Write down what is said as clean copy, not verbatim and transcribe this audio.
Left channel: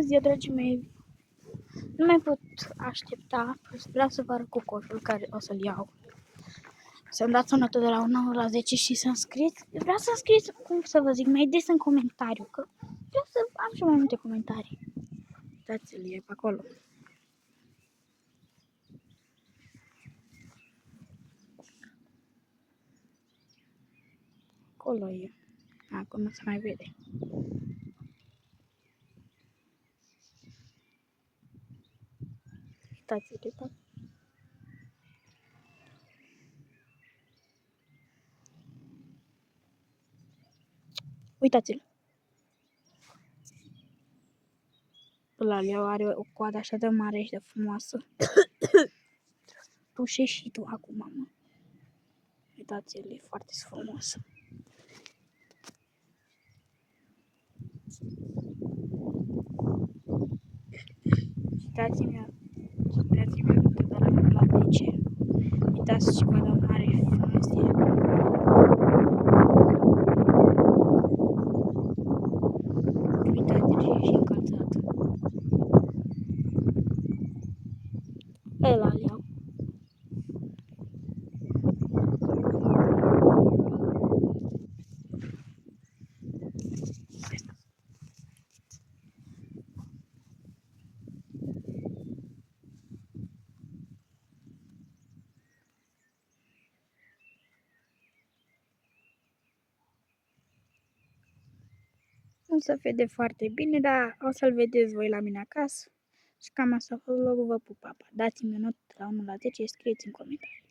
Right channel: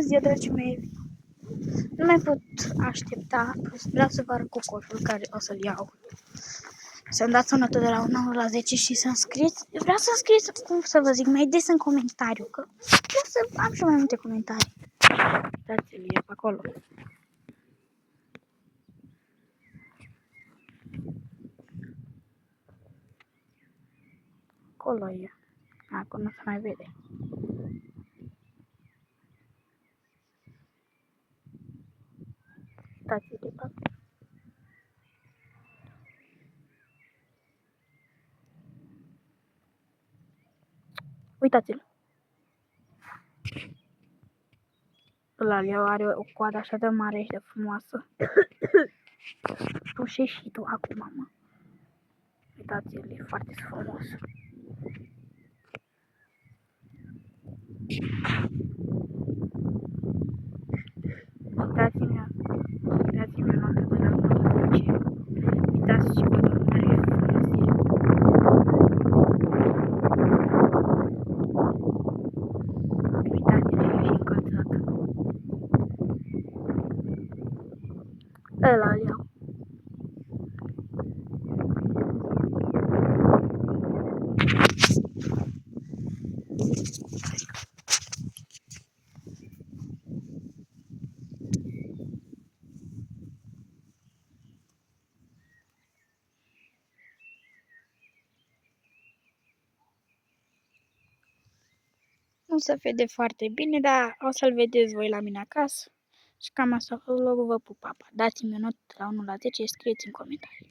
Ziua, dragii mei, nu mai pot aștepta, vreau să vă arăt cu coșul care o să-l iau. Să-mi dați o notă de la 1 la 10 și să scrieți, vreau să scrieți, cum să vă zic, mai des în comentariu, că vreau să am și mai multe comentarii. Dați-l, e acolo. Acolo e. Acum nu se mai vede. Uitați-l pe acolo. Uitați-l. Ăla are o coadă așa de mare și de frumoasă. Tușești și tu acum, mă. Uitați-l, e foarte frumos. Dați-mi notă de la 1 la 10. Uitați ce coadă mare frumos e. Uitați-l și încălțat. Ăla-l iau. Nu se vede foarte bine, dar o să-l vedeți voi la mine acasă. Și cam asta a fost vlogul, vă pup, papa. Dați-mi o notă de la 1 la 10 și scrieți în comentarii.